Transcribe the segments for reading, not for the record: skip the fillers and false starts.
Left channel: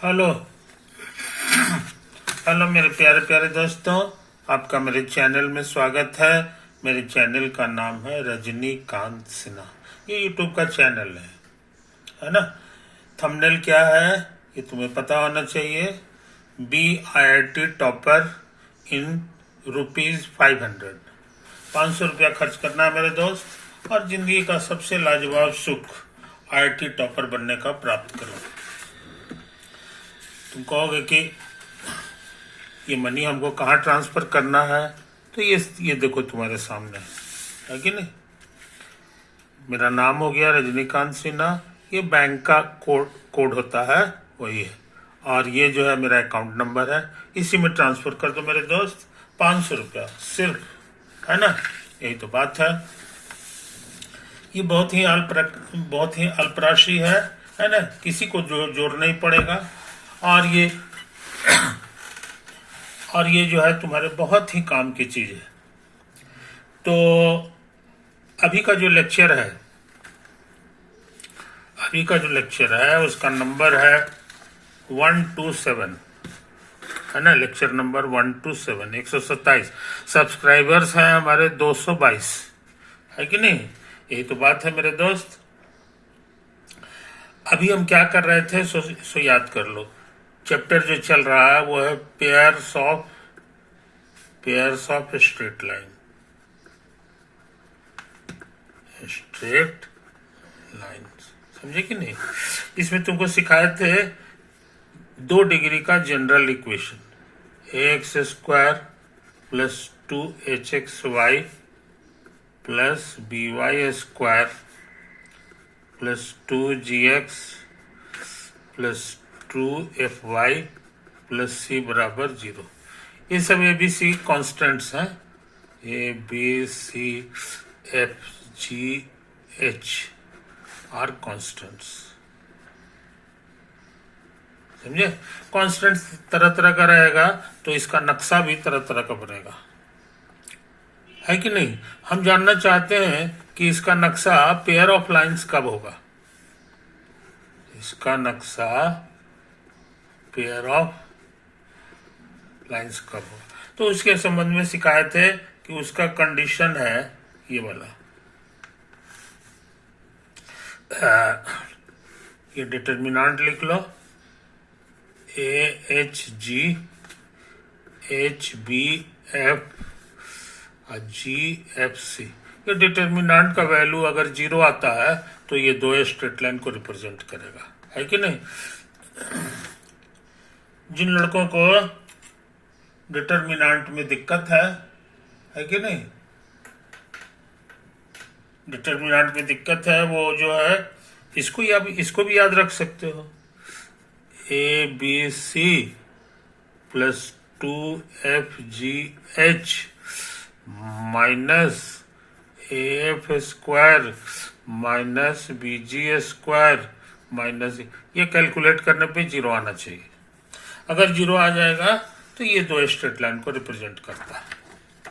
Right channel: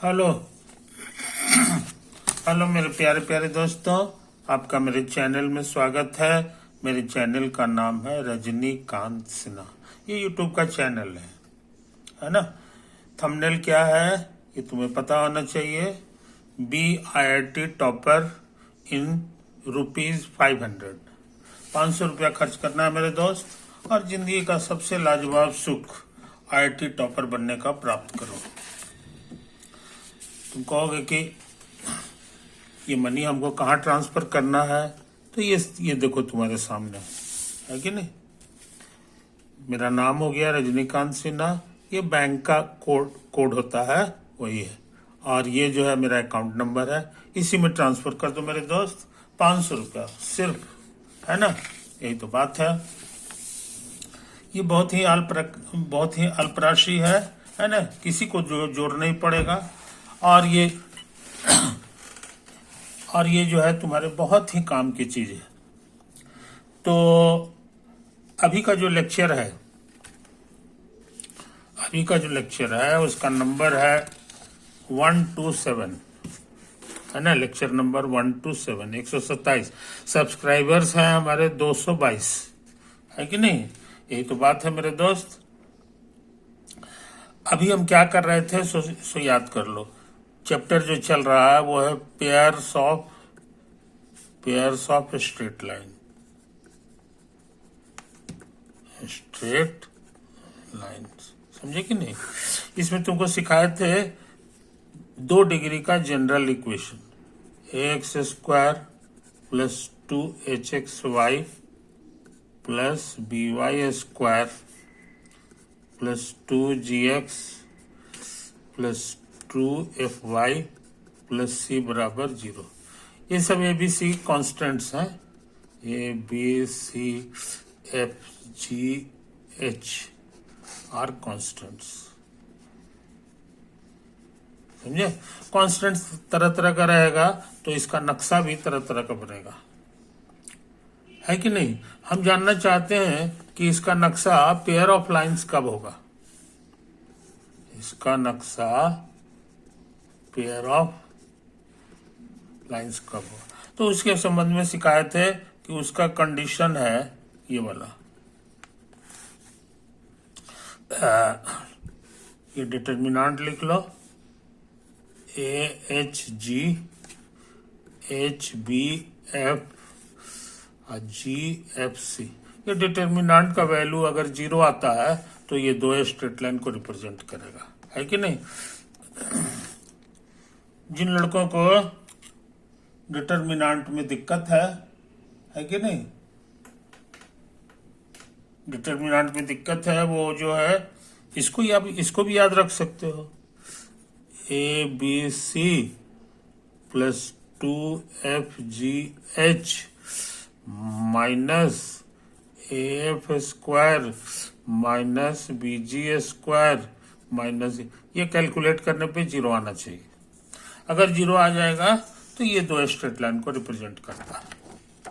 Hello. Hello मेरे प्यारे प्यारे दोस्तों, आपका मेरे चैनल में स्वागत है। मेरे चैनल का नाम है रजनीकांत सिन्हा। ये यूट्यूब का चैनल है ना। थंबनेल क्या है ये तुम्हें पता होना चाहिए। BIIT topper in ₹500। 500 रुपया खर्च करना है मेरे दोस्त, और जिंदगी का सबसे लाजवाब सुख IIT टॉपर बनने का प्राप्त करो। तुम कहोगे कि ये मनी हमको कहाँ ट्रांसफर करना है, तो ये देखो तुम्हारे सामने है कि नहीं। मेरा नाम हो गया रजनीकांत सिन्हा, ये बैंक का कोड होता है, वही है। और ये जो है मेरा अकाउंट नंबर है, इसी में ट्रांसफर कर दो मेरे दोस्त। 500 रुपया सिर्फ, है ना। यही तो बात है। ये बहुत ही अल्प राशि है ना। किसी को जोड़ना ही पड़ेगा। और ये जो है तुम्हारे बहुत ही काम की चीज है। तो अभी का जो लेक्चर है उसका नंबर है 127, है ना। Lecture number 127, 127। सब्सक्राइबर्स हैं हमारे 222, है कि नहीं। यही तो बात है मेरे दोस्त। अभी हम क्या कर रहे थे सो याद कर लो। चैप्टर जो चल रहा है वो है पेयर्स ऑफ स्ट्रेट लाइन्स, समझे कि नहीं। इसमें तुमको सिखाए थे 2 डिग्री का general equation, ax² + 2hxy + by² + 2gx + 2fy + c = 0। ये सब ABC कॉन्स्टेंट्स हैं। ABCFGH आर कॉन्स्टेंट्स, समझे। कॉन्स्टेंट्स तरह तरह का रहेगा तो इसका नक्शा भी तरह तरह का बनेगा, है कि नहीं। हम जानना चाहते हैं कि इसका नक्शा पेयर ऑफ लाइंस कब होगा। इसका नक्शा पेयर ऑफ लाइंस कब होगा, तो उसके संबंध में सिखाए थे कि उसका कंडीशन है ये वाला। ये डिटर्मिनेंट लिख लो, AHG HBF GFC। ये डिटर्मिनेंट का वैल्यू अगर 0 आता है तो ये 2 स्ट्रेट लाइन को रिप्रेजेंट करेगा, है कि नहीं। जिन लड़कों को डिटर्मिनेंट में दिक्कत है कि नहीं, डिटर्मिनेंट में दिक्कत है, वो जो है इसको भी याद रख सकते हो। ABC + 2FGH - AF² - BG² - ये कैलकुलेट करने पे 0 आना चाहिए। अगर 0 आ जाएगा तो ये 2 स्ट्रेट लाइन को रिप्रेजेंट करता है,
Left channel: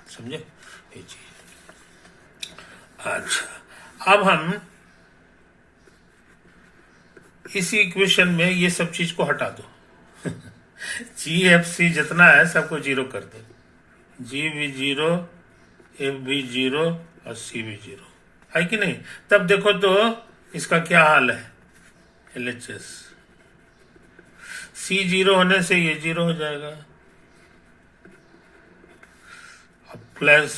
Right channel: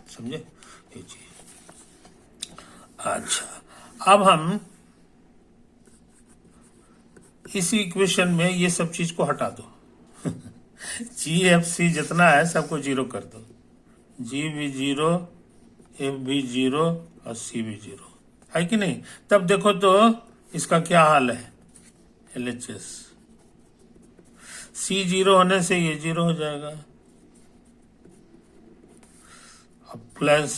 समझे ये चीज। अच्छा, अब हम इसी इक्वेशन में ये सब चीज को हटा दो। GFC जितना है सबको 0 कर दो। G भी 0, F भी 0 और C भी 0, है कि नहीं। तब देखो तो इसका क्या हाल है, LHS। C 0 होने से ये 0 हो जाएगा। अब प्लस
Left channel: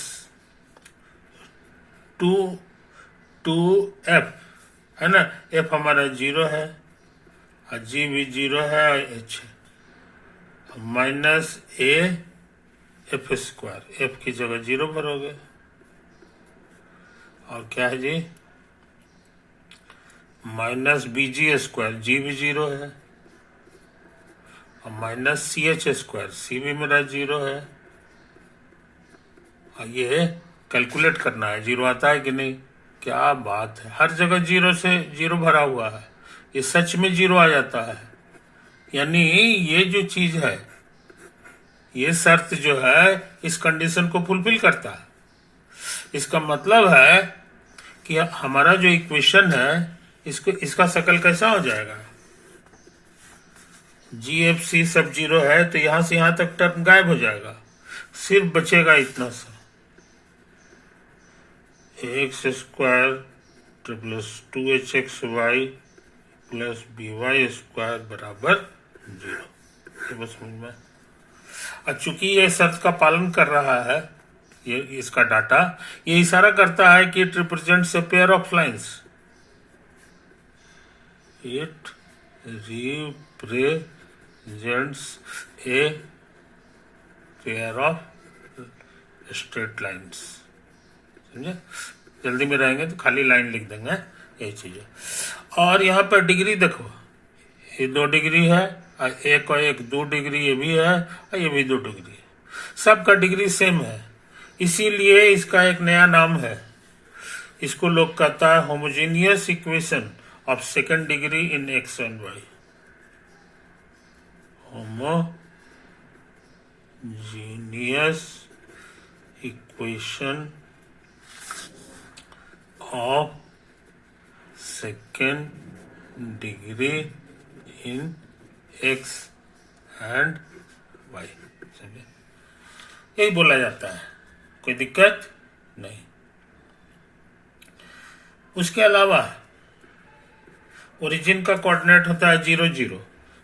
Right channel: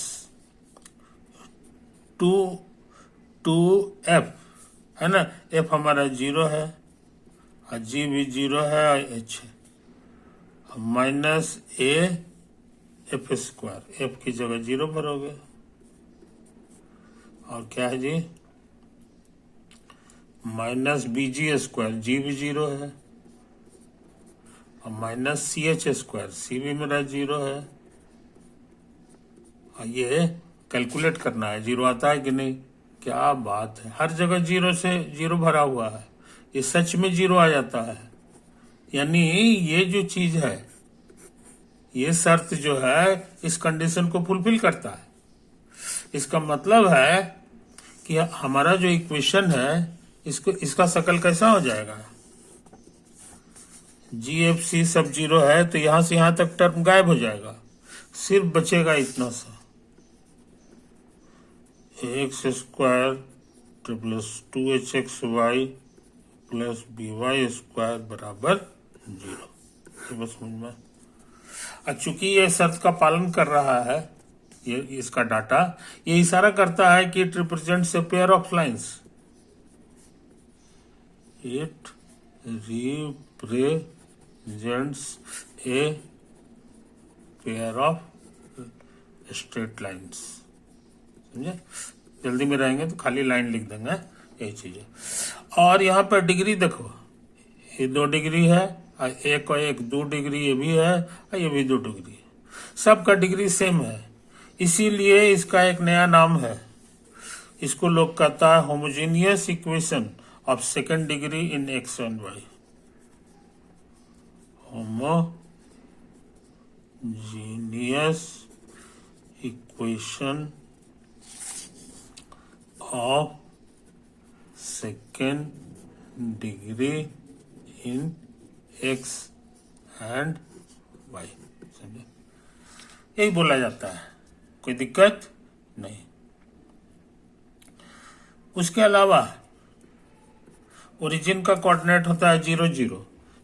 2F, है ना। F हमारा 0 है और G भी 0 है और H है। -AF², F की जगह 0 भरोगे। और क्या है जी, -BG², G भी 0 है और -CH², C भी मेरा 0 है। और ये कैलकुलेट करना है 0 आता है कि नहीं। क्या बात है, हर जगह 0 से 0 भरा हुआ है। ये सच में 0 आ जाता है। यानी ये जो चीज है, ये शर्त जो है इस कंडीशन को फुलफिल करता है। इसका मतलब है कि हमारा जो इक्वेशन है इसका शकल कैसा हो जाएगा, GFC सब जीरो है, तो यहां से यहां तक टर्म गायब हो जाएगा, सिर्फ बचेगा इतना सा, x square plus 2hxy plus by square बराबर 0। ये बस समझ में। अब चूंकि ये शर्त का पालन कर रहा है, ये इसका डाटा ये इशारा करता है कि it represents a pair of lines, it represents a pair of straight lines। समझे? जल्दी में रहेंगे तो खाली लाइन लिख देंगे, यही चीज है। और यहाँ पर डिग्री देखो, ये 2 डिग्री है, एक और एक 2 डिग्री ये भी है, और ये भी 2 डिग्री है, सबका डिग्री सेम है, इसीलिए इसका एक नया नाम है, इसको लोग कहता है homogeneous equation of second degree in X and Y. Homogeneous equation of second degree in X and Y. समझे? यही बोला जाता है, कोई दिक्कत नहीं। उसके अलावा ओरिजिन का कोऑर्डिनेट होता है 0 0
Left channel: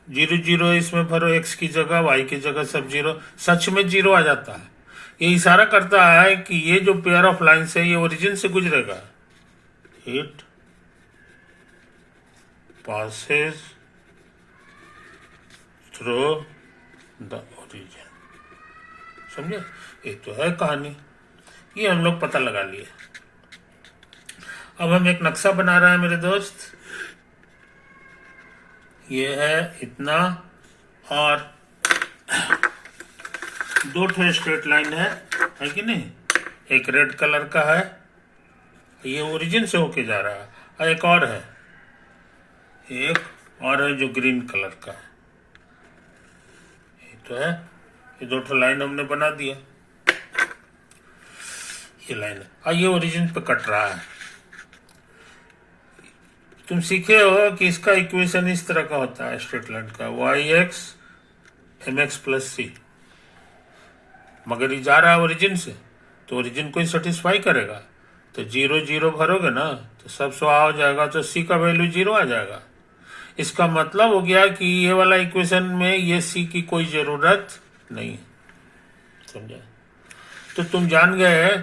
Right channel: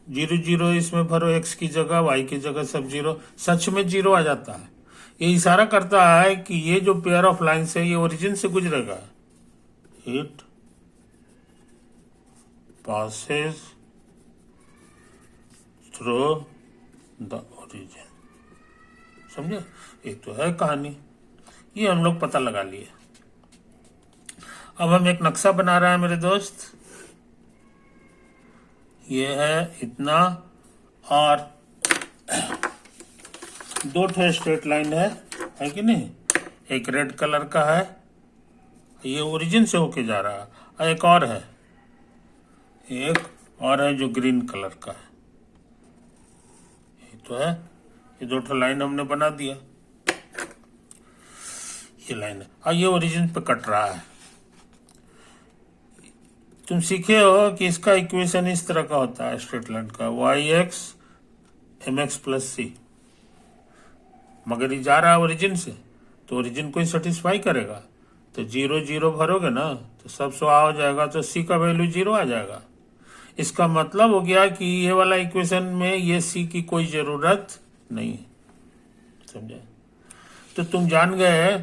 0 0, इसमें भरो x की जगह y की जगह सब 0, सच में 0 आ जाता है। ये इशारा करता है कि ये जो पेयर ऑफ लाइंस है ये ओरिजिन से गुजरेगा, it passes through the origin. समझे? ये तो है कहानी, ये हम लोग पता लगा लिए। अब हम एक नक्शा बना रहे हैं मेरे दोस्त, ये है इतना, और 2 स्ट्रेट लाइन है कि नहीं, एक रेड कलर का है, ये ओरिजिन से होके जा रहा है, और एक और है, जो ग्रीन कलर का है। ये तो है, ये 2 लाइन हमने बना दिया, ये लाइन है, और ये ओरिजिन पे कट रहा है। तुम सीखे हो कि इसका इक्वेशन इस तरह का होता है स्ट्रेट लाइन का, yx mx प्लस c, मगर ये जा रहा है ओरिजिन से, तो ओरिजिन को ही सेटिस्फाई करेगा, तो 0 0 भरोगे ना तो सब 100 हो जाएगा, तो c का वैल्यू 0 आ जाएगा। इसका मतलब हो गया कि ये वाला इक्वेशन में ये c की कोई जरूरत नहीं है। समझा? तो तुम जान गए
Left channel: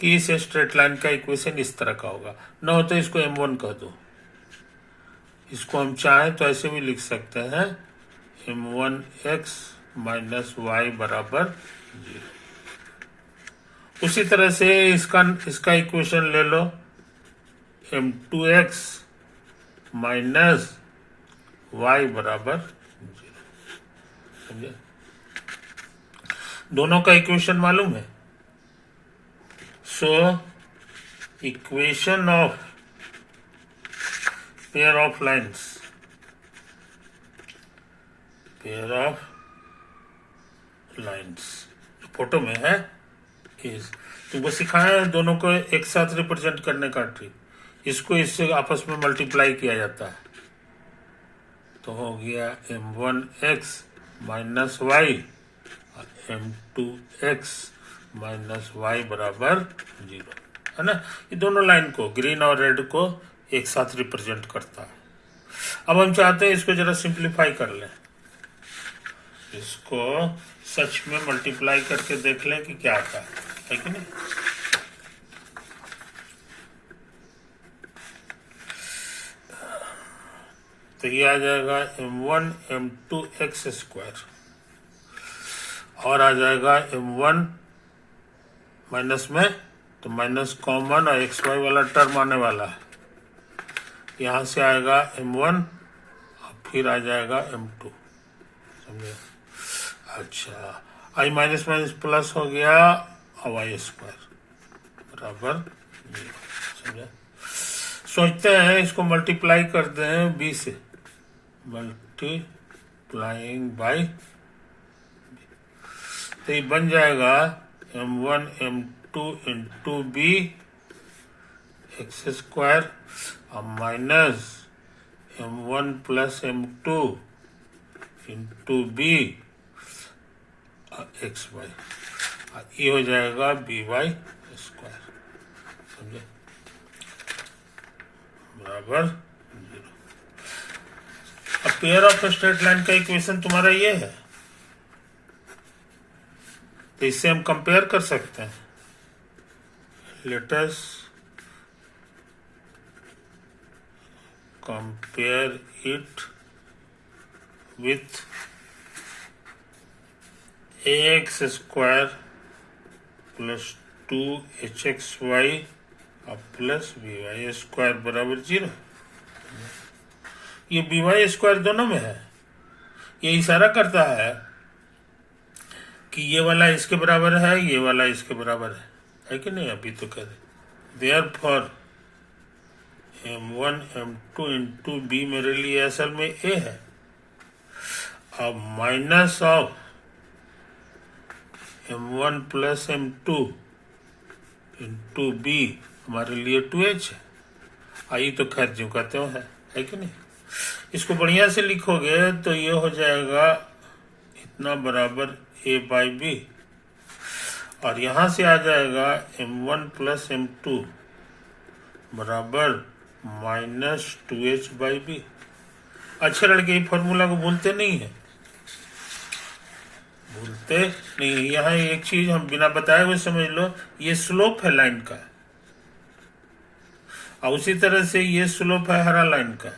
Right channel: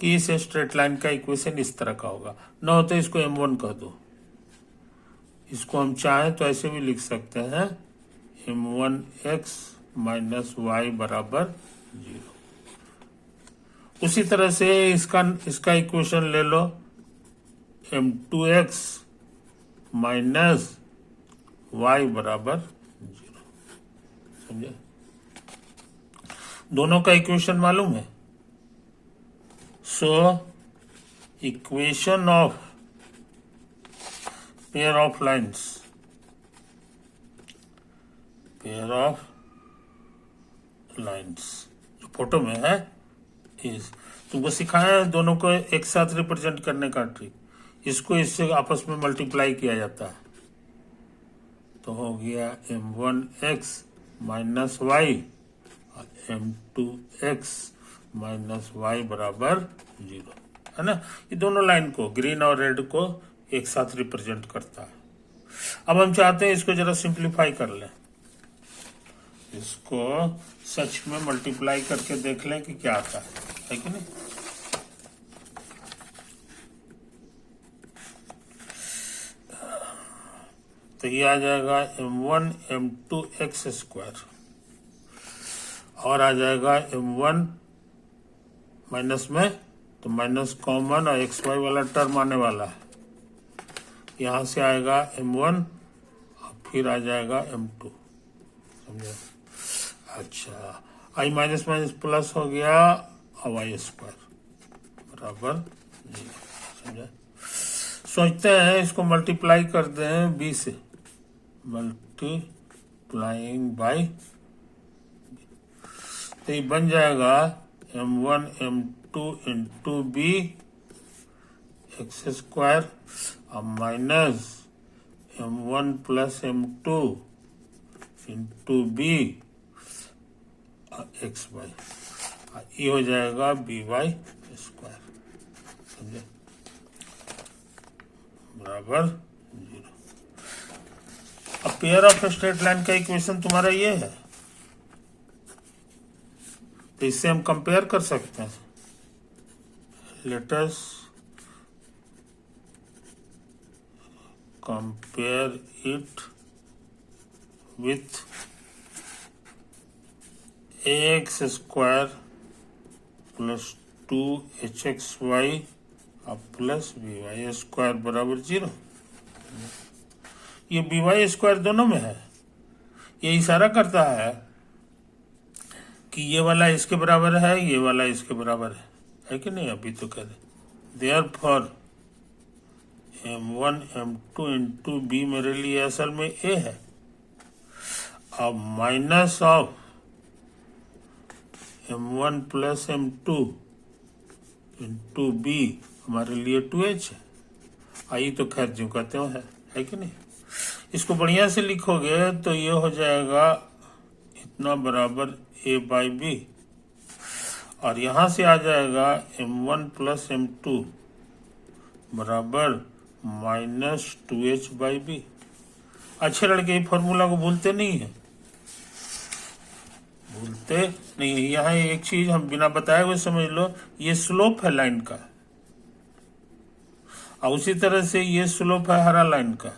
कि इस स्ट्रेट लाइन का इक्वेशन इस तरह का होगा। न हो तो इसको m1 कह दो, इसको हम चाहें तो ऐसे भी लिख सकते हैं, m1x माइनस वाई बराबर 0। उसी तरह से इसका इक्वेशन ले लो, m2x माइनस वाई बराबर 0। समझे? दोनों का इक्वेशन मालूम है। So equation of pair of lines, जो फोटो में है, इस तुमको सिखाया है दोनों को एक साथ रिप्रेजेंट करने का ट्रिक, इसको इससे आपस में मल्टीप्लाई किया जाता है, तो हो गया m1x माइनस वाई और m2x माइनस वाई बराबर 0, है ना। ये दोनों लाइन को, ग्रीन और रेड को एक साथ रिप्रेजेंट करता है। अब हम चाहते हैं इसको जरा सिंप्लीफाई कर लें, इसको सच में मल्टीप्लाई करके देख लें कि क्या आता है कि नहीं। तो ये आ जाएगा m1 m2 x स्क्वायर, और आ जाएगा m1 माइनस में, तो माइनस कॉमन और xy वाला टर्म आने वाला है, यहाँ से आएगा m1 और फिर आ जाएगा m2। समझे? अच्छा, i माइनस माइनस प्लस हो गया और वाई स्क्वायर बराबर 0। समझे? सोचते हैं इसको मल्टीप्लाई कर दें b से, मल्टीप्लाइंग बाई, तो ये बन जाएगा m1 m2 into B X square और minus m1 plus m2 into B X Y, ये हो जाएगा बी वाई स्क्वायर, समझे, बराबर 0। अब पेयर ऑफ स्ट्रेट लाइन का इक्वेशन तुम्हारा ये है, तो इससे हम कंपेयर कर सकते हैं। Let us compare it with ax square plus 2hxy plus by square बराबर 0। ये by स्क्वायर दोनों में है, ये इशारा करता है कि ये वाला इसके बराबर है, ये वाला इसके बराबर है कि नहीं। अभी तो कह रहे therefore m1 m2 into B मेरे लिए असल में a है, अब minus of m1 plus m2 into B हमारे लिए 2h है। आई तो खैर जो कहते हो है कि नहीं। इसको बढ़िया से लिखोगे तो ये हो जाएगा इतना बराबर a बाई बी, और यहां से आ जाएगा m1 प्लस m2 बराबर माइनस 2h बाई बी। अच्छे लड़के ये फॉर्मूला को भूलते नहीं है, भूलते नहीं। यहाँ एक चीज हम बिना बताए हुए समझ लो, ये स्लोप है लाइन का, और उसी तरह से ये स्लोप है हरा लाइन का,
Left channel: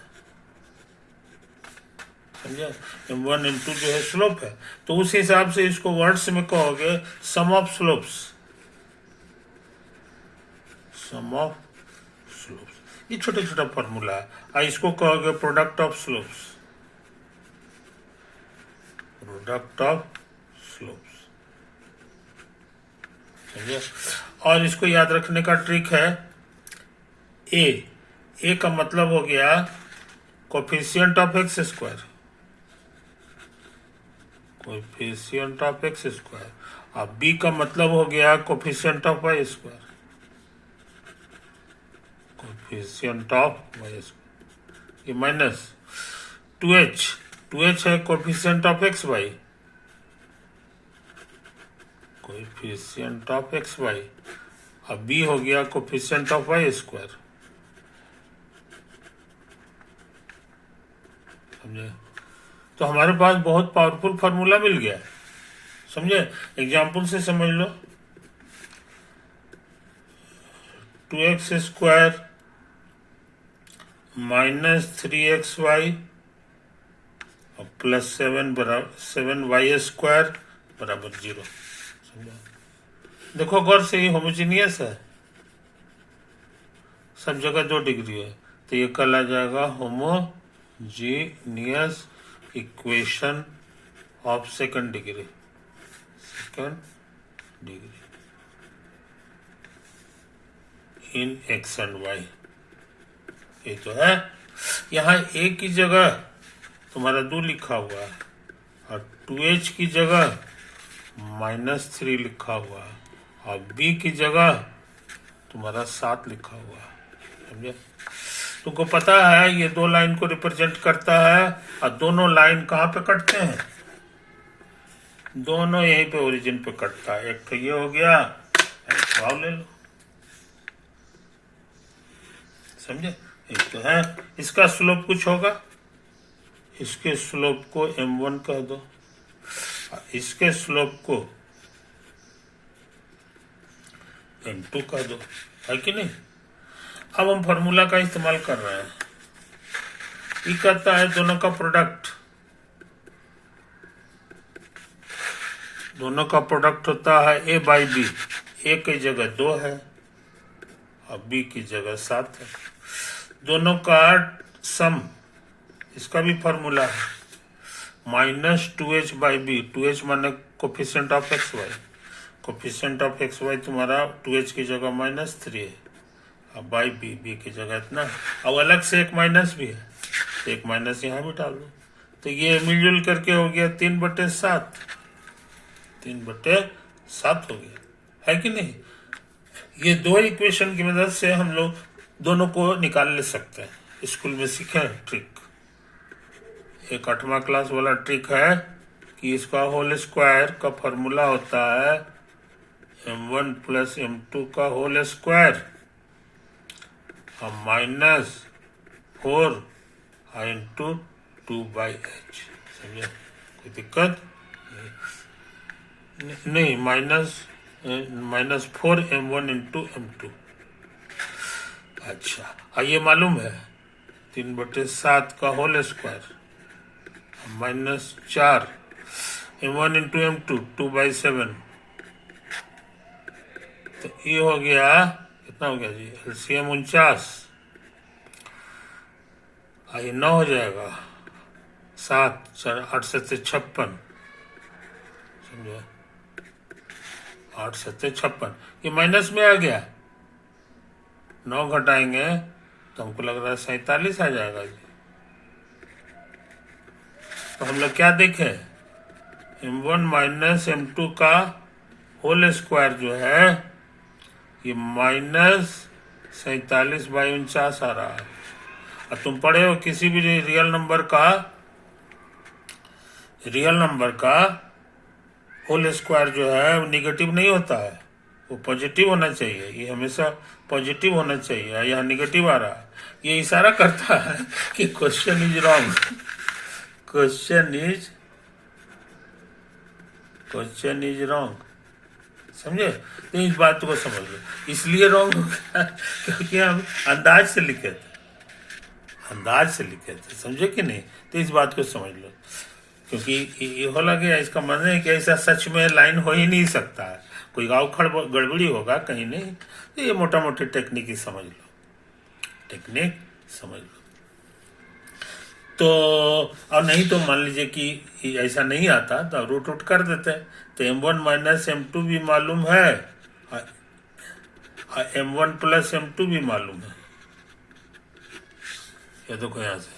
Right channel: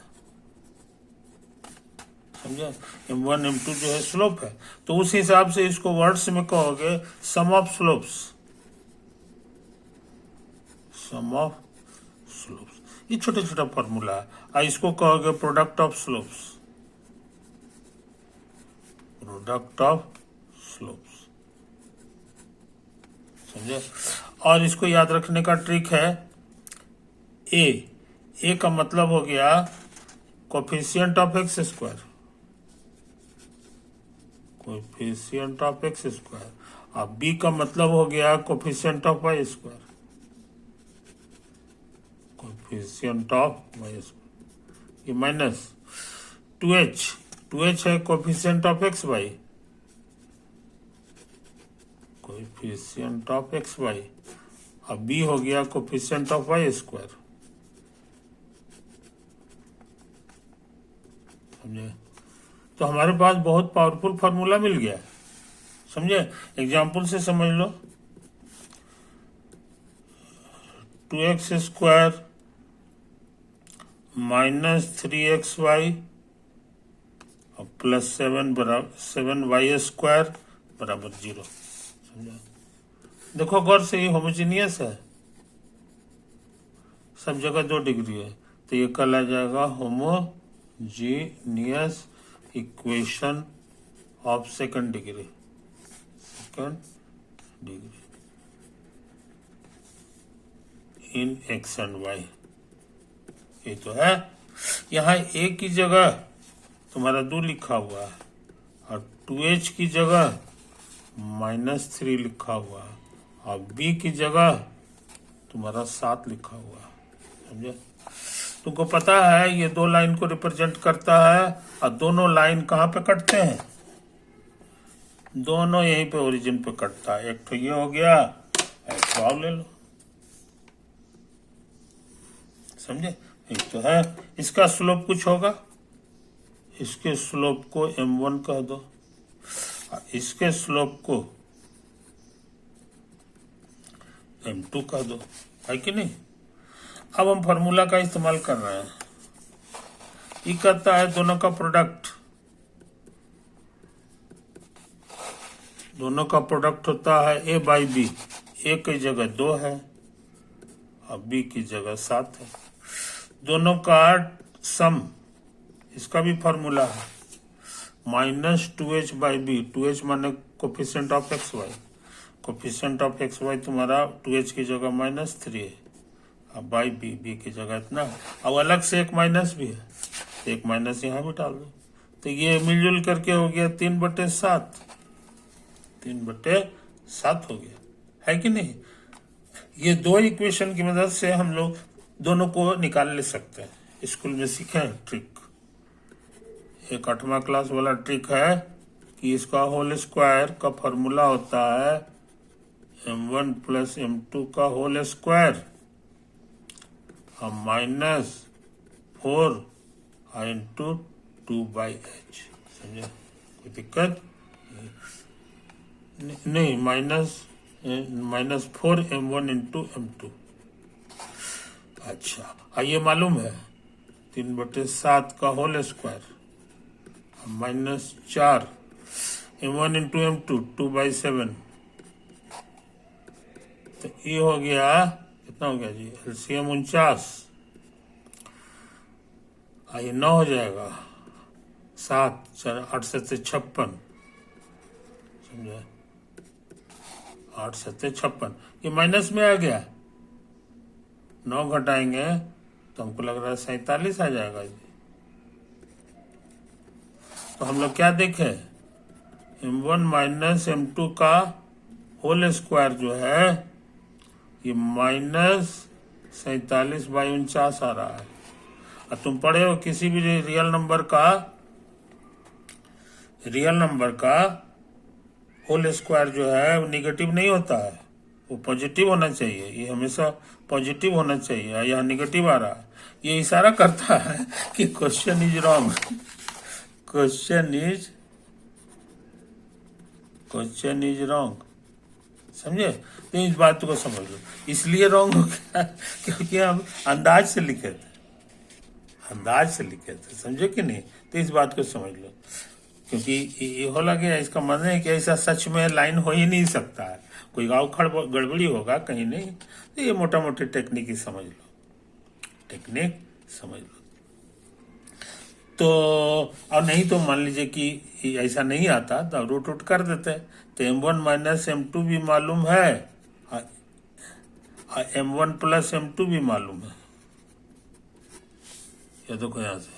समझा। m1 m2 जो है स्लोप है, तो उस हिसाब से इसको वर्ड्स में कहोगे sum of slopes, sum of slopes. ये छोटा छोटा फॉर्मूला है, और इसको कहोगे product of slopes, product of slopes, समझे। और इसको याद रखने का ट्रिक है, ए का मतलब हो गया coefficient of X square, coefficient of X square, और बी का मतलब हो गया coefficient of Y square, coefficient of Y square. ये माइनस 2h है coefficient of x Y, coefficient of x Y, और बी हो गया कोफिशिएंट ऑफ वाई स्क्वायर, समझे। तो हमारे पास बहुत पावरफुल फॉर्मूला मिल गया है, समझे। एग्जाम्पल से समझ लो, 2x स्क्वायर माइनस 3xy और प्लस 7 बराबर 7y स्क्वायर बराबर 0, समझा। देखो गौर से, ये होमोजीनियस है, सब जगह 2 डिग्री है, तो ये कल आ जाएगा homogeneous equation of second degree, in X and Y. ये तो है, यहाँ a की जगह तुम्हारा 2 लिखा हुआ है, और 2h की जगह -3 लिखा हुआ है, और b की जगह तुम्हारा 7 लिखा हुआ है, समझे। तुमको पता है ये 2 लाइन को रिप्रेजेंट करता है, और दोनों लाइन कहाँ पे कटते हैं, दोनों यहीं पे ओरिजिन पे कटता है। एक तो ये हो गया, एक भाव ले लो, समझे। एक तो है, इसका स्लोप कुछ होगा, इसके स्लोप को m1 कह दो, इसके स्लोप को m2 कह दो, है कि नहीं। अब हम फॉर्मूला का इस्तेमाल कर रहे हैं, ये कहता है दोनों का प्रोडक्ट, दोनों का प्रोडक्ट होता है a बाई बी, a की जगह 2 है और b की जगह 7 है, दोनों का सम, इसका भी फॉर्मूला है minus 2h by B, 2h माने coefficient of x Y, coefficient of x y तुम्हारा 2h की जगह -3 है, अब बाई बी की जगह इतना है, अब अलग से एक माइनस भी है, तो एक माइनस यहाँ भी डाल दो, तो ये मिलजुल करके हो गया 3/7, 3/7 हो गया, है कि नहीं। ये 2 इक्वेशन की मदद से हम लोग दोनों को निकाल ले सकते हैं, स्कूल में सीखे ट्रिक। एक 8वां क्लास वाला ट्रिक है कि इसका होल स्क्वायर का फॉर्मूला होता है m1 प्लस m2 का होल स्क्वायर और माइनस 4 इंटू 2/h। समझे? कोई दिक्कत नहीं। Minus 4m1 into m2। अच्छा, ये मालूम है 3/7 का whole square minus 4 m1 into m2 2/7। तो ये हो गया, कितना हो गया जी? एलसीएम 49। ये 9 हो जाएगा, 7 8 7 56। समझे? 8 7 56। ये माइनस में आ गया, 9 घटाएंगे तो हमको लग रहा है 47 आ जाएगा जी। तो हम लोग क्या देखें, m1 माइनस m2 का होल स्क्वायर जो है ये माइनस 47/49 आ रहा है। और तुम पढ़े हो किसी भी रियल नंबर का होल स्क्वायर जो है वो निगेटिव नहीं होता है, वो पॉजिटिव होना चाहिए। ये हमेशा पॉजिटिव होना चाहिए, यहाँ निगेटिव आ रहा है। ये इशारा करता है कि question is wrong. Question is wrong. समझे? तो इस बात को समझ लो, इसलिए रॉन्ग हो गया क्योंकि हम अंदाज से लिखे थे। समझे कि नहीं? तो इस बात को समझ लो, क्योंकि ये हो लगे इसका मतलब है कि ऐसा सच में लाइन हो ही नहीं सकता है, कोई गाँव गड़बड़ी होगा कहीं नहीं। तो ये मोटा मोटी टेक्निक ही समझ लो, तो और नहीं तो मान लीजिए कि ऐसा नहीं आता तो रूट कर देते। तो m1 माइनस m2 भी मालूम है और m1 प्लस m2 भी मालूम है। ये देखो यहाँ से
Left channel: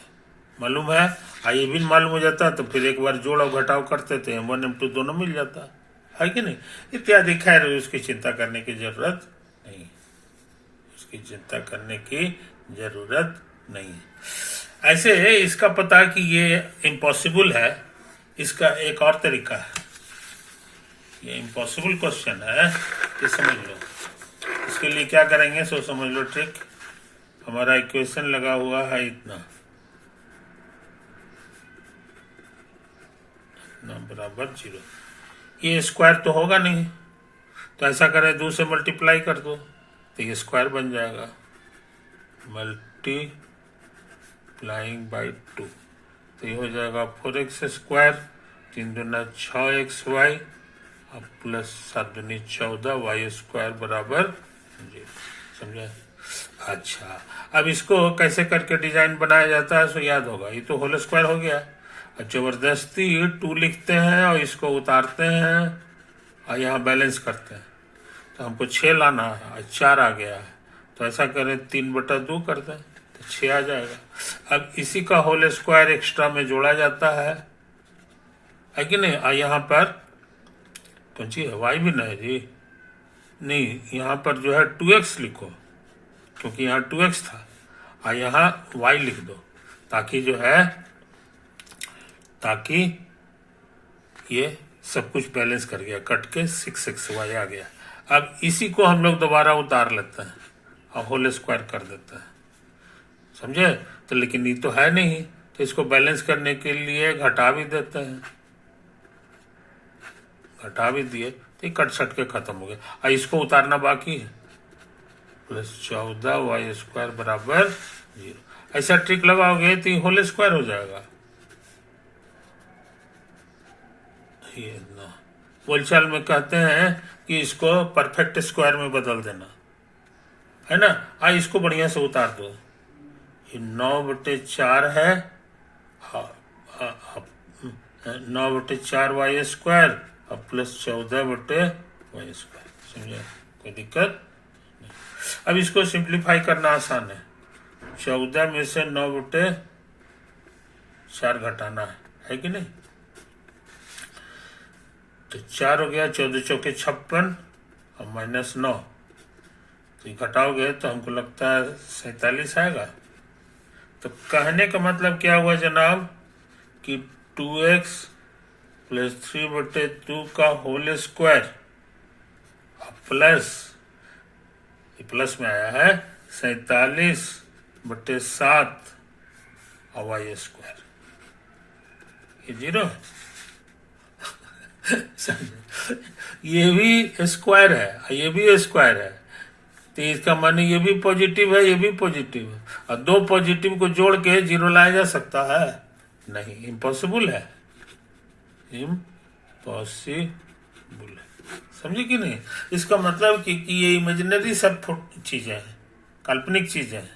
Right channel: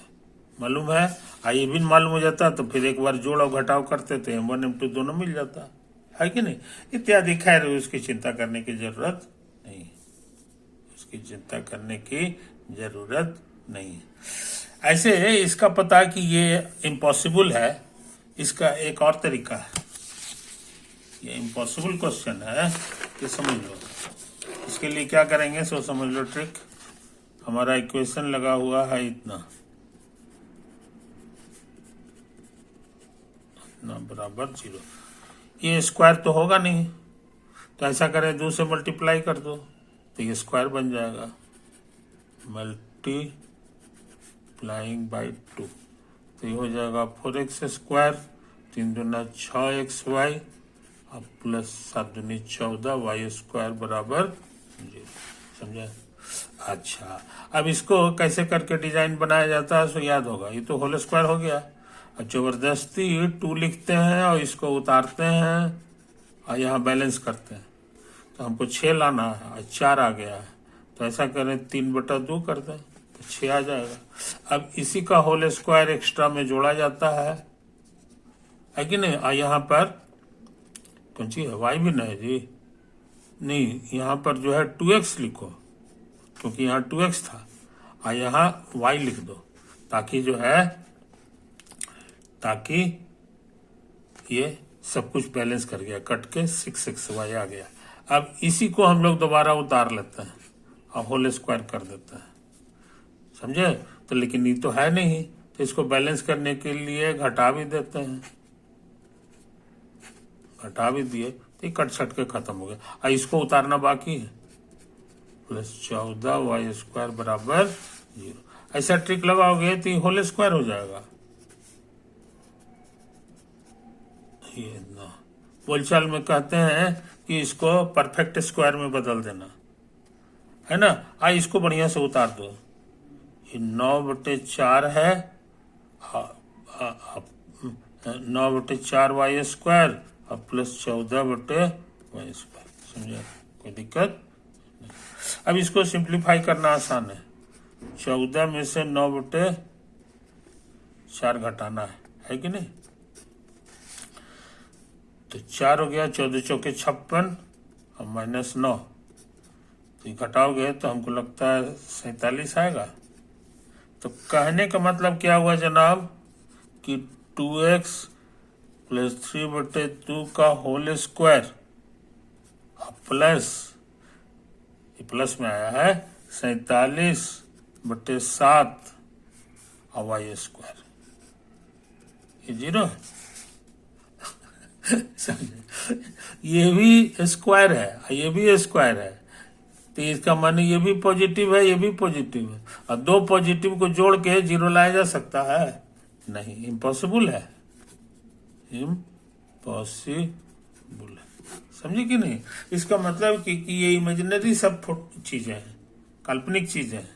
मालूम है, ये भी मालूम हो जाता तो फिर एक बार जोड़ और घटाव करते थे, m1 m2 दोनों मिल जाता है कि नहीं? इत्यादि। खैर उसकी चिंता करने की जरूरत नहीं। ऐसे इसका पता कि ये इम्पॉसिबल है, इसका एक और तरीका है। ये इम्पॉसिबल क्वेश्चन है, ये समझ लो। इसके लिए क्या करेंगे सो समझ लो ट्रिक। हमारा इक्वेशन लगा हुआ है इतना बराबर 0। ये स्क्वायर तो होगा नहीं, तो ऐसा करें 2 से मल्टीप्लाई कर दो तो ये स्क्वायर बन जाएगा, मल्टीप्लाइंग बाई 2। तो ये हो जाएगा 4x स्क्वायर, 3 दूना 6xy और प्लस 7 दूनी 14 y स्क्वायर बराबर 0। समझा? अच्छा, अब इसको कैसे करके डिजाइन बनाया जाता है सो याद होगा। ये तो होल स्क्वायर हो गया, और जबरदस्ती 2 लिखते हैं और इसको उतारते हैं और यहाँ बैलेंस करते हैं। तो हमको 6 लाना है और 4 आ गया है, तो ऐसा करें 3/2 कर दें तो 6 आ जाएगा। अब इसी का होल स्क्वायर एक्स्ट्रा में जोड़ा जाता है कि नहीं? और यहाँ पर कौन सी है? y भी नहीं जी, नहीं, यहाँ पर जो है 2x लिखो, क्योंकि यहाँ 2x था, और यहाँ y लिख दो, ताकि ये सब कुछ बैलेंस कर गया, कट के 6xy आ गया। अब इसी को हम लोग दोबारा उतार लेते हैं और होल स्क्वायर कर देते हैं। समझे? तो लेकिन ये तो है नहीं, तो इसको बैलेंस करने के लिए घटा भी देते हैं, घटा भी दिए तो कट सट के खत्म हो गया। और इसको उतारना बाकी है, प्लस 14 y स्क्वायर बराबर 0। ऐसा ट्रिक लगाओगे तो होल स्क्वायर हो जाएगा। ये ना बोलचाल में कहते हैं कि इसको परफेक्ट स्क्वायर में बदल देना है ना। इसको बढ़िया से उतार दो। ये 9/4 है, 9/4 y स्क्वायर और प्लस 14/y स्क्वायर। समझे? कोई दिक्कत नहीं। अब इसको सिंप्लीफाई करना आसान है। 14 में से 9/4 घटाना है कि नहीं? तो 4 हो गया, 14 चौके 56 और -9, तो घटाओगे तो हमको लगता है 47 आएगा। तो कहने का मतलब क्या हुआ जनाब कि 2x प्लस 3/2 का होल स्क्वायर प्लस, प्लस में आया है 47/7 और वाई स्क्वायर, ये 0 ये भी स्क्वायर है, ये भी स्क्वायर है, तो इसका माने ये भी पॉजिटिव है, ये भी पॉजिटिव है, और दो पॉजिटिव को जोड़ के 0 लाया जा सकता है? नहीं, इम्पॉसिबल है, इम्पॉसिबल है। समझे कि नहीं? इसका मतलब कि ये इमेजिनरी सब चीजें हैं, काल्पनिक चीजें हैं,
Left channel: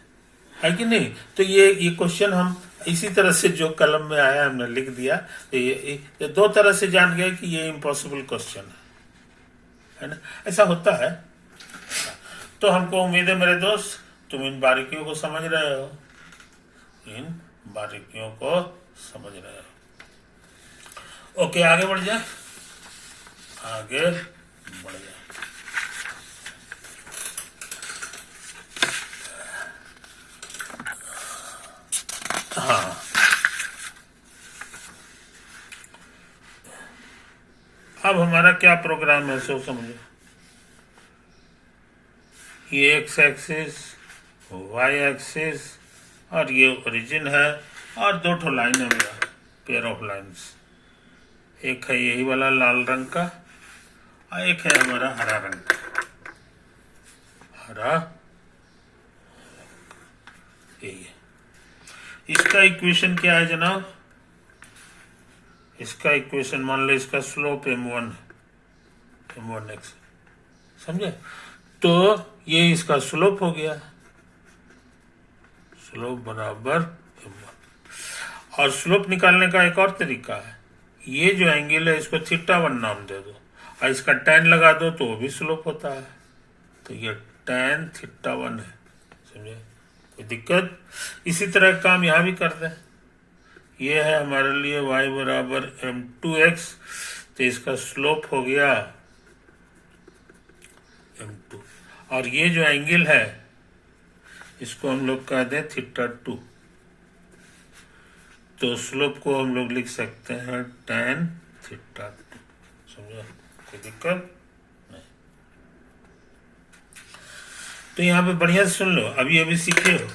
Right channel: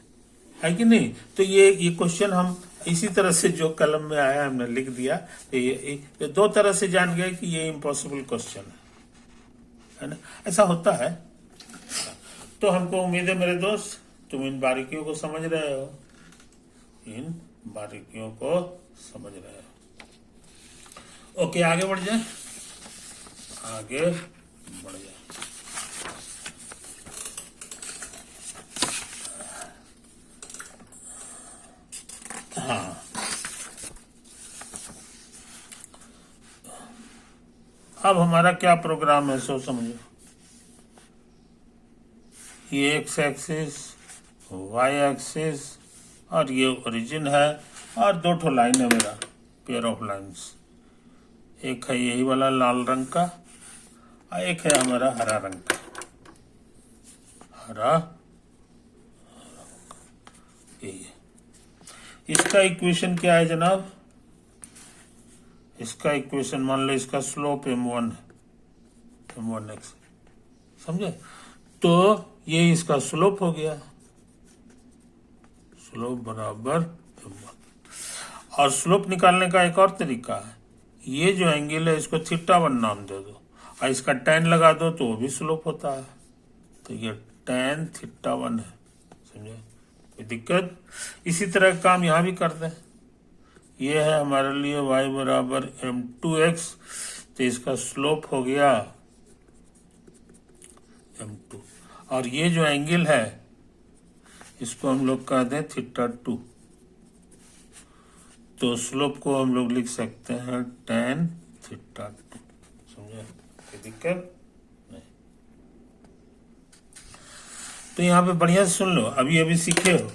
है कि नहीं? तो ये क्वेश्चन हम इसी तरह से जो कलम में आया हमने लिख दिया, ये दो तरह से जान गए कि ये इम्पॉसिबल क्वेश्चन है ना? ऐसा होता है। तो हमको उम्मीद है मेरे दोस्त तुम इन बारीकियों को समझ रहे हो, इन बारीकियों को समझ रहे हो। ओके, आगे बढ़ जाए, आगे बढ़ जाए। हाँ, अब हमारा क्या प्रोग्राम है सो समझो। ये एक्स एक्सिस, वाई एक्सिस, और ये ओरिजिन है, और दो ठो लाइन है मेरा, पेयर ऑफ लाइंस। एक है यही वाला लाल रंग का, और एक है हमारा हरा रंग का, हरा, यही है। इसका इक्वेशन क्या है जनाब? इसका इक्वेशन मान लो, इसका स्लोप m1 x, समझे? तो ये इसका स्लोप हो गया, स्लोप बराबर m1। और स्लोप निकालने का एक और तरीका है, ये जो एंगल है इसको θ1 नाम दे दो, और इसका tan लगा दो तो वो भी स्लोप होता है, तो ये tan θ1 है। समझे? कोई दिक्कत? इसी तरह का काम यहाँ भी कर दें। ये है हमारे लिए y बराबर m2x, तो इसका स्लोप हो गया m2, और ये जो एंगल है इसको हम लोग कह दें θ2, तो स्लोप को हम लोग लिख सकते हैं tan θ2। समझे? कोई दिक्कत नहीं। तो यहाँ पे बढ़िया से सुन लो, अभी सीखे हो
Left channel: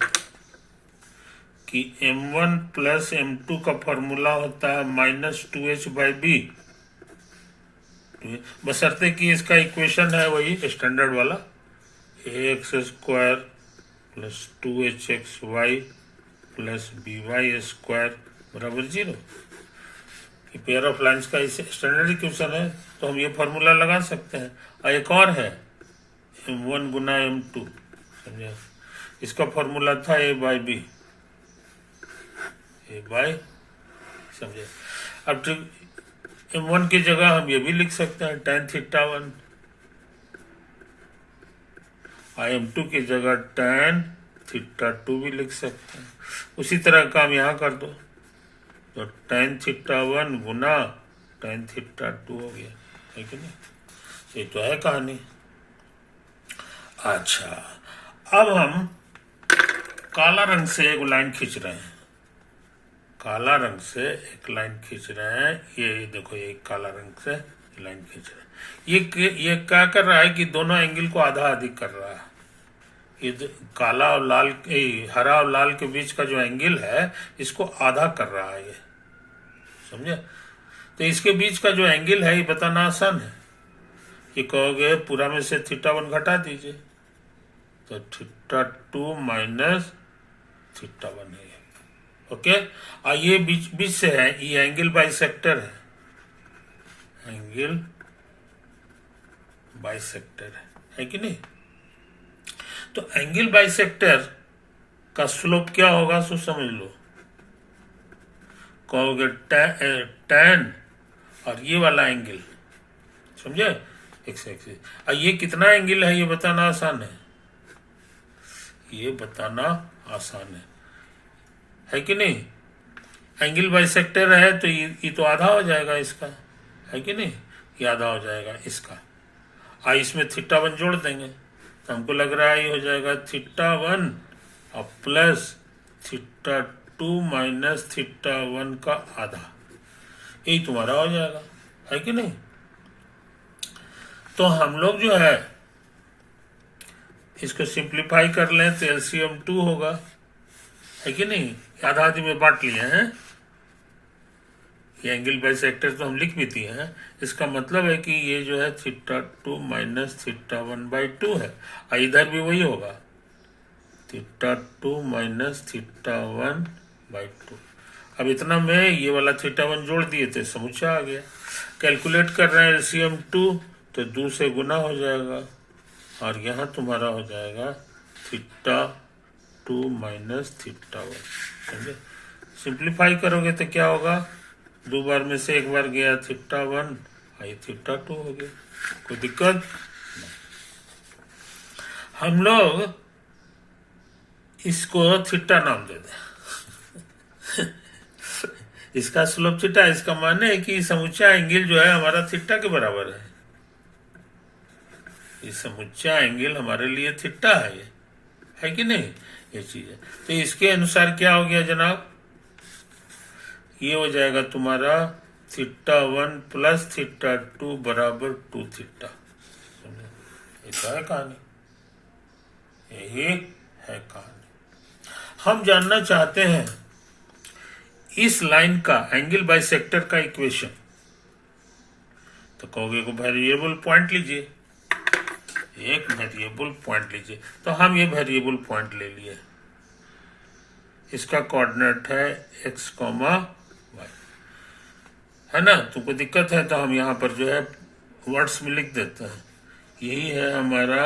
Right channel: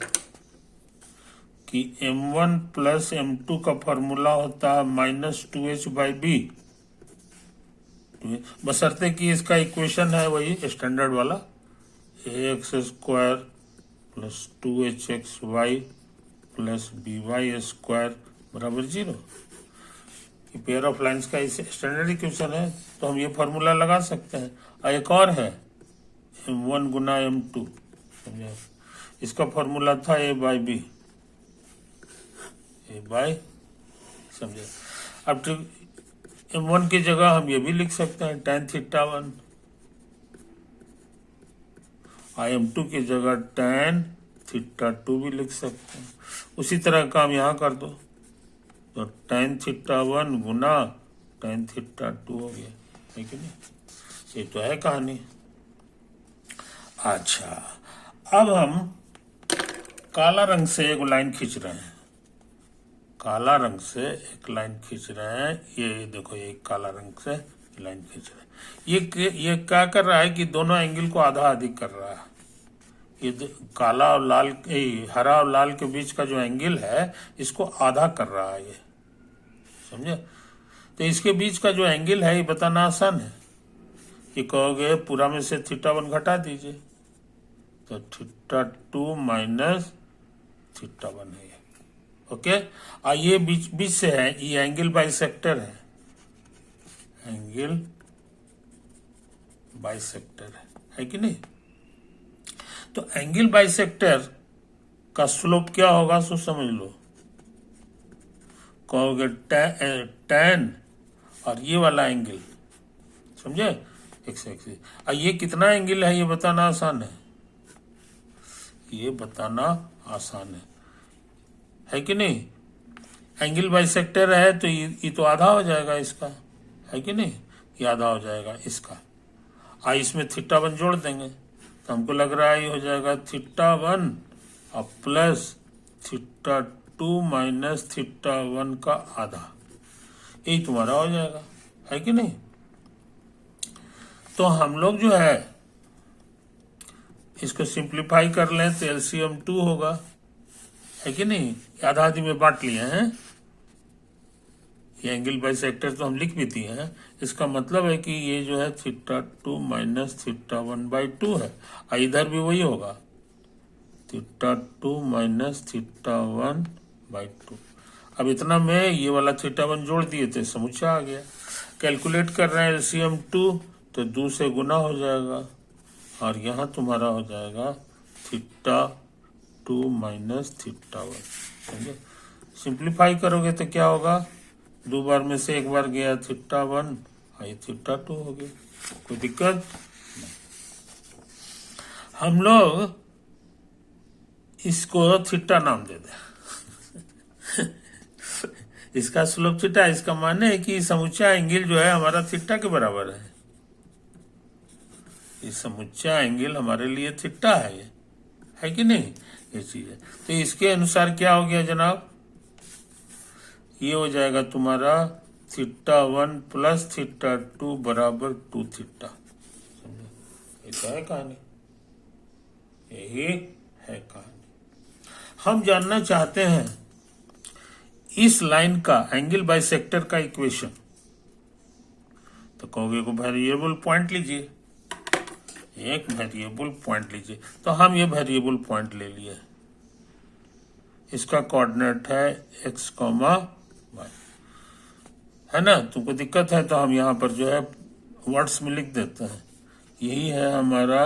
कि m1 प्लस m2 का फॉर्मूला होता है -2h/b, बशर्ते कि इसका इक्वेशन है वही स्टैंडर्ड वाला, ax² plus 2hxy plus by² बराबर 0। पेयर ऑफ लाइंस का इसे स्टैंडर्ड इक्वेशन है, तो हम ये फार्मूला लगा सकते हैं। और एक और है m1 गुना m2, समझे? इसका फार्मूला था a/b, समझे? अब m1 की जगह हम ये भी लिख सकते हैं tan θ1, और m2 की जगह tan θ2 भी लिख सकते हैं। उसी तरह काम यहाँ कर दो, तो tan θ1 गुना tan θ2 हो गया, है कि नहीं? ये तो है कहानी। अच्छा, अब हम काला रंग से एक लाइन खींच रहे हैं, काला रंग से एक लाइन खींच रहे हैं। ये देखो, ये काला रंग से लाइन खींच रहे हैं। ये क्या कर रहा है कि दोनों एंगल को आधा अधिक कर रहा है। ये काला और लाल, हरा और लाल के बीच का जो एंगल है इसको आधा कर रहा है ये, समझे? तो इसके बीच का जो एंगल है ये बताना आसान है। ये कहोगे पूरा में से θ1 घटा दीजिए, तो θ2 माइनस θ1 है, ओके? और ये बीच से है, ये एंगल बाइसेक्टर है, एंगल बाइसेक्टर है कि नहीं? तो एंगल बाइसेक्टर का स्लोप क्या होगा सो समझ लो। कहोगे tan और ये वाला एंगल, समझे? एक्स एक्सिस, और ये कितना एंगल है ये बताना आसान है, ये बताना आसान है कि नहीं? एंगल बाइसेक्टर है तो ये तो आधा हो जाएगा इसका, है कि नहीं? ये आधा हो जाएगा इसका, और इसमें θ1 जोड़ देंगे, तो हमको लग रहा है ये हो जाएगा θ1 और plus θ2 two minus theta one का आधा, यही तुम्हारा हो जाएगा, है कि नहीं। तो हम लोग जो है इसको सिंप्लीफाई कर लें तो एलसीएम 2 होगा, है कि नहीं। आधा आधी में बांट लिए हैं, ये एंगल बाइसेक्टर तो हम लिख भी दिए हैं। इसका मतलब है कि ये जो है थीटा 2 माइनस थीटा 1/2 है, और इधर भी वही होगा, थीटा 2 माइनस थीटा 1/2। अब इतना में ये वाला थीटा 1 जोड़ दिए थे, समुच्चय आ गया। कैलकुलेट कर रहे हैं एलसीएम 2, तो 2 से गुना हो जाएगा, और यहाँ तुम्हारा हो जाएगा थीटा 2 माइनस थीटा 1, समझे। सिंप्लीफाई करोगे तो क्या होगा, 2 बार में से 1 बार गया थीटा 1, ये थीटा 2 हो गया, कोई दिक्कत नहीं। हम लोग इसको थीटा नाम दे दें इसका स्लोप थीटा, इसका माने है कि समुच्चय एंगल जो है हमारा थीटा के बराबर है। ये समुच्चय एंगल हमारे लिए थीटा है, ये है कि नहीं, ये चीज है। तो इसके अनुसार क्या हो गया जनाब, ये हो जाएगा तुम्हारा थीटा 1 प्लस थीटा 2 बराबर 2 थीटा। ये तो है कहानी, यही है कहानी। हम जानना चाहते हैं इस लाइन का एंगल बाइसेक्टर का इक्वेशन, तो कहोगे को वेरिएबल पॉइंट लीजिए, एक वेरिएबल पॉइंट लीजिए। तो हम ये वेरिएबल पॉइंट ले लिए, इसका कोऑर्डिनेट है x, y, है ना। तुमको दिक्कत है तो हम यहाँ पर जो है वर्ड्स में लिख देते हैं, यही है हमारा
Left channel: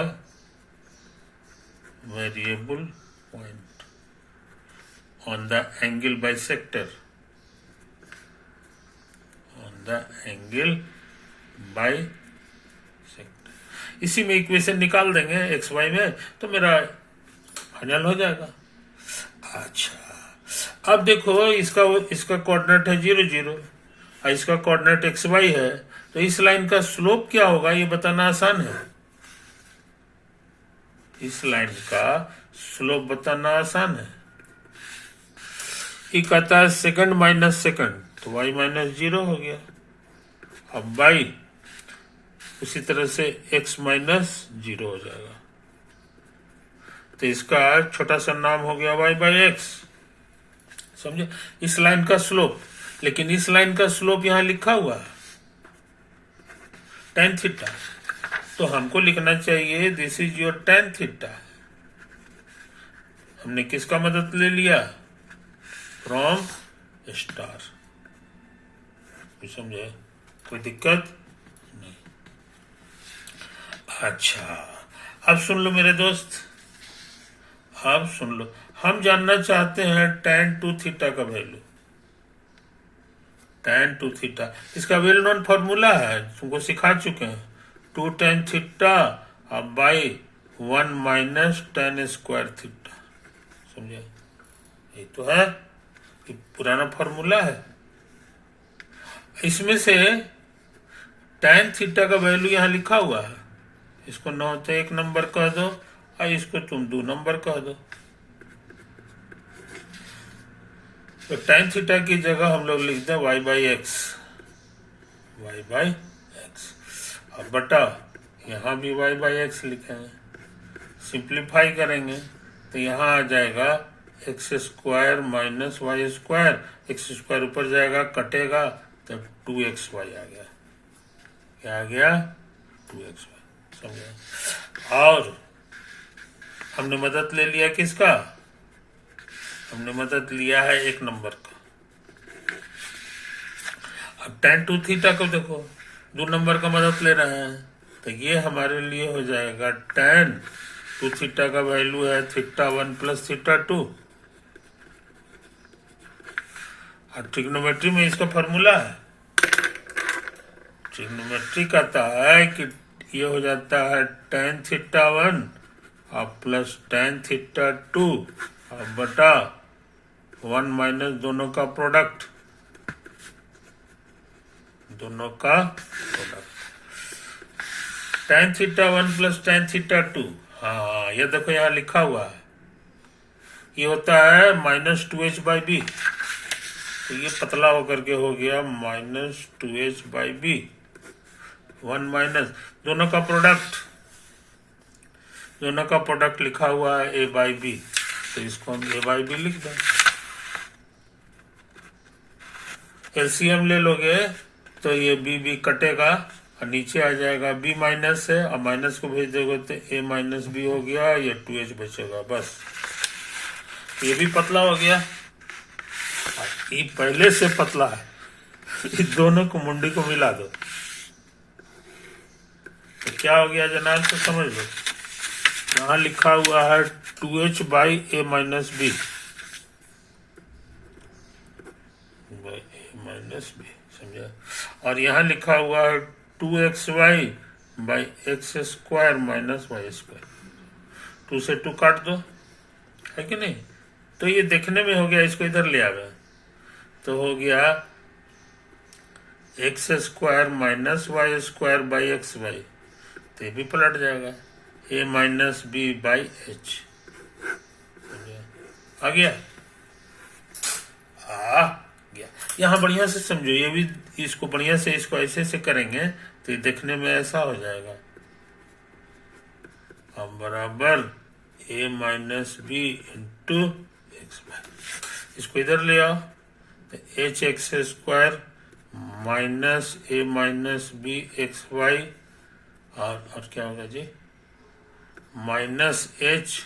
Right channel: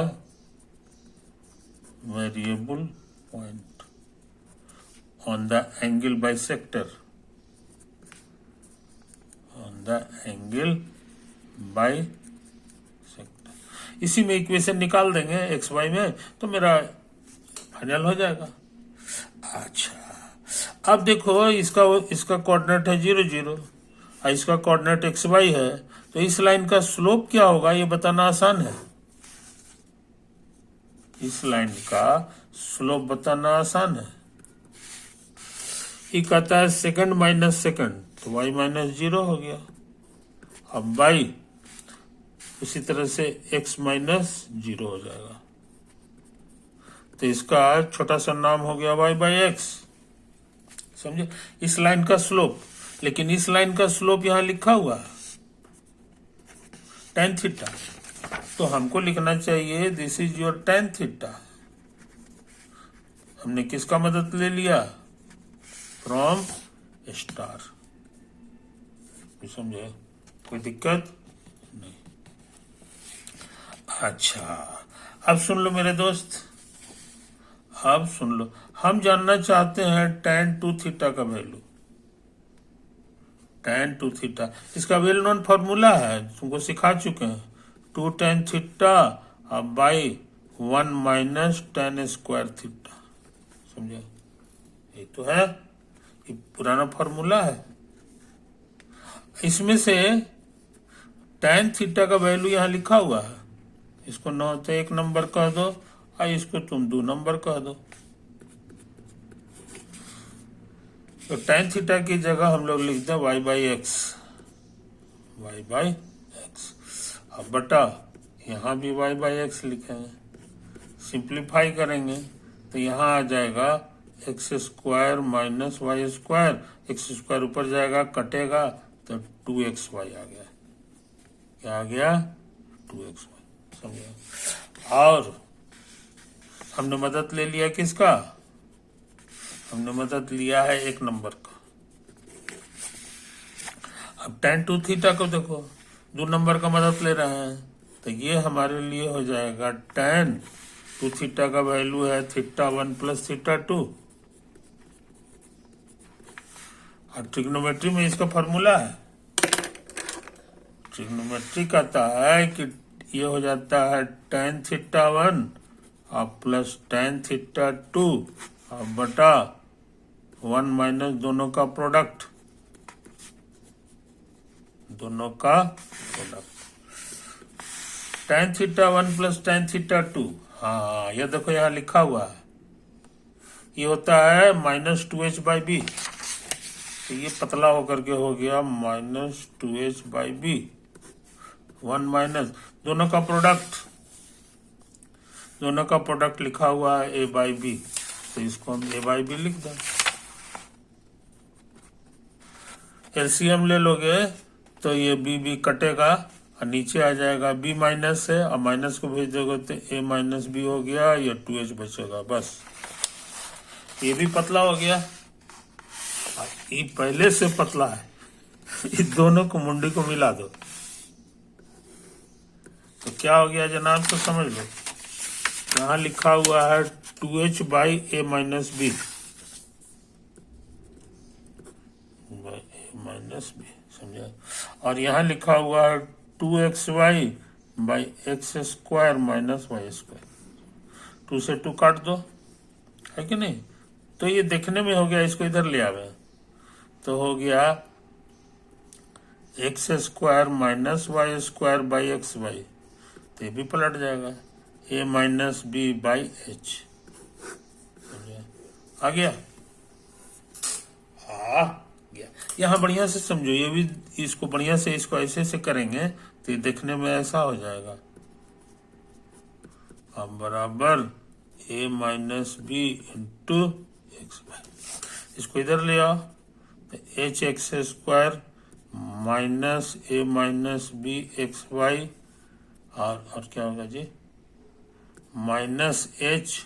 variable point on the angle bisector, on the angle bisector। इसी में इक्वेशन निकाल देंगे एक्स वाई में, तो मेरा फाइनल हो जाएगा। अच्छा, अब देखो इसका कोऑर्डिनेट है 0 0, और इसका कोऑर्डिनेट एक्स वाई है, तो इस लाइन का स्लोप क्या होगा ये बताना आसान है। इस लाइन का स्लोप बताना आसान है। ये कहता है सेकंड माइनस सेकंड, तो y माइनस 0 हो गया। अब y उसी तरह से x माइनस 0 हो जाएगा, तो इसका छोटा सा नाम हो गया y/x, समझे। इस लाइन का स्लोप, लेकिन इस लाइन का स्लोप यहां लिखा हुआ है tan थीटा, तो हमको लिखना चाहिए this is your tan theta. हमने किसका मदद ले लिया, फ्रॉम स्टार, समझे, कोई दिक्कत नहीं। अच्छा, अब सुन लो मेरे दोस्त, अब सुन लो, हम जानना चाहते हैं tan 2 थीटा का वैल्यू। tan 2 थीटा इसका वेल नोन फॉर्मूला है, तुमको सिखा चुके हैं, 2 tan थीटा अब by 1 minus tan square theta, समझे। ये तो है, ये पुराना फॉर्मूला है। इसमें से tan थीटा का वैल्यू यहाँ लिखा हुआ है, इसको 9 तो 1 नंबर कह दो, और इसको तुम 2 नंबर कह दो। तो tan थीटा की जगह हम लोग लिख दें y/x, अब बटा यहाँ भी y/x लिखेंगे। सिंप्लीफाई करेंगे तो यहाँ आ जाएगा x square minus y square, x square ऊपर जाएगा कटेगा, तब 2xy आ गया। क्या आ गया, 2xy, समझे। और हमने मदद ले लिया किसका, हमने मदद लिया है 1 नंबर का। अब tan 2 थीटा को देखो, 2 नंबर का मदद ले रहे हैं, तो ये हमारे लिए हो जाएगा tan 2 थीटा का वैल्यू है थीटा 1 प्लस थीटा 2। और ट्रिग्नोमेट्री में इसका फॉर्मूला है, ट्रिग्नोमेट्री कहता है कि ये हो जाता है tan थीटा 1 और प्लस tan थीटा 2 और बटा 1 माइनस दोनों का product, tan theta 1 plus tan theta 2। हाँ, ये देखो यहाँ लिखा हुआ है, ये होता है -2h/b, तो ये पतला होकर के हो गया -2h/b, 1 माइनस दोनों का प्रोडक्ट लिखा हुआ है a/b, तो इसको हम a/b लिख दें। एलसीएम ले लोगे तो ये b कटेगा और नीचे आ जाएगा b माइनस है, और माइनस को भेज दोगे तो a-b हो गया, ये 2h बचेगा। बस ये भी पतला हो गया, ये पहले से पतला है, इस दोनों को मुंडी को मिला दो तो क्या हो गया जनाब, तो समझ लो। यहाँ लिखा हुआ है 2h/a-b, समझा, और यहाँ लिखा हुआ है 2xy/x² माइनस y²। 2 से 2 काट दो, है कि नहीं। तो ये देखने में हो गया, इसको इधर ले आवे तो हो गया x² माइनस y²/xy, तो ये भी पलट जाएगा a-b/h। आ गया, गया। यहाँ बढ़िया से समझो, ये भी इसको बढ़िया से, इसको ऐसे से करेंगे तो ये देखने में ऐसा हो जाएगा, अब बराबर a-b इंटू x²। इसको इधर ले आओ तो h(x² माइनस a-b(xy) और क्या होगा जी, -h(y²)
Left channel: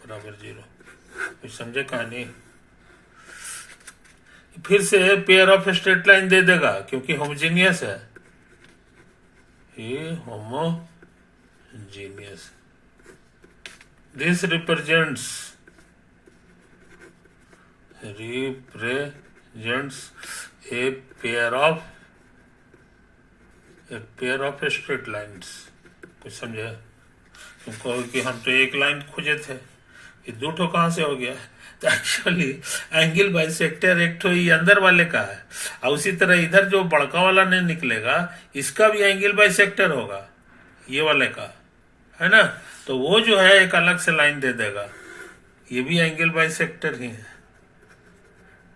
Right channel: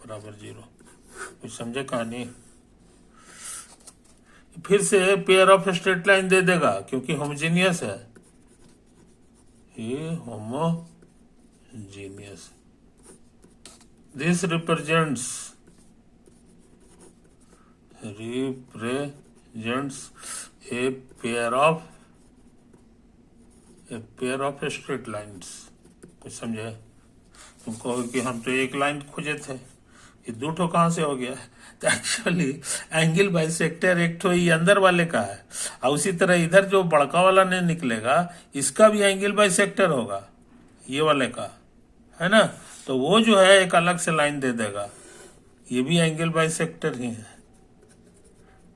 बराबर 0। कुछ समझे कहानी। फिर से पेयर ऑफ स्ट्रेट लाइन दे देगा क्योंकि होमोजीनियस है, ये homogeneous. This represents a pair of straight lines. कुछ समझे। तुम कहो कि हम तो एक लाइन खोजे थे, ये दो ठो कहां से हो गया। तो एक्चुअली एंगल बाइसेक्टर एक ठो ये अंदर वाले का है, और उसी तरह इधर जो बड़का वाला नहीं निकलेगा इसका भी एंगल बाइसेक्टर होगा, ये वाले का, है ना। तो वो जो है एक अलग से लाइन दे देगा, ये भी एंगल बाइसेक्टर ही है।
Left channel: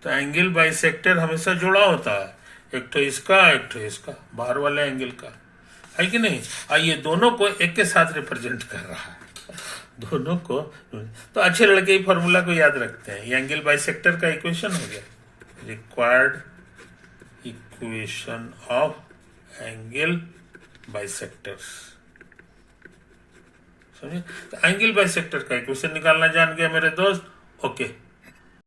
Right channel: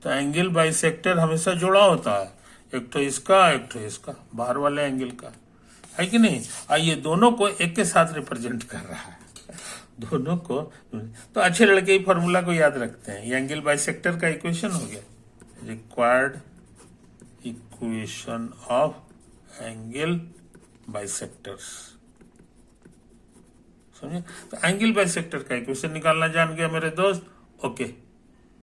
तो एंगल बाइसेक्टर हमेशा जुड़ा होता है, एक तो इसका एक तो इसका, बाहर वाले एंगल का, है कि नहीं। और ये दोनों को एक के साथ रिप्रेजेंट कर रहा है, दोनों को। तो अच्छे लड़के ही फॉर्मूला को याद रखते हैं। ये एंगल बाइसेक्टर का इक्वेशन हो गया, required equation of angle bisectors, समझे। तो एंगल बाइसेक्टर का इक्वेशन निकालना जान गया मेरे दोस्त, ओके।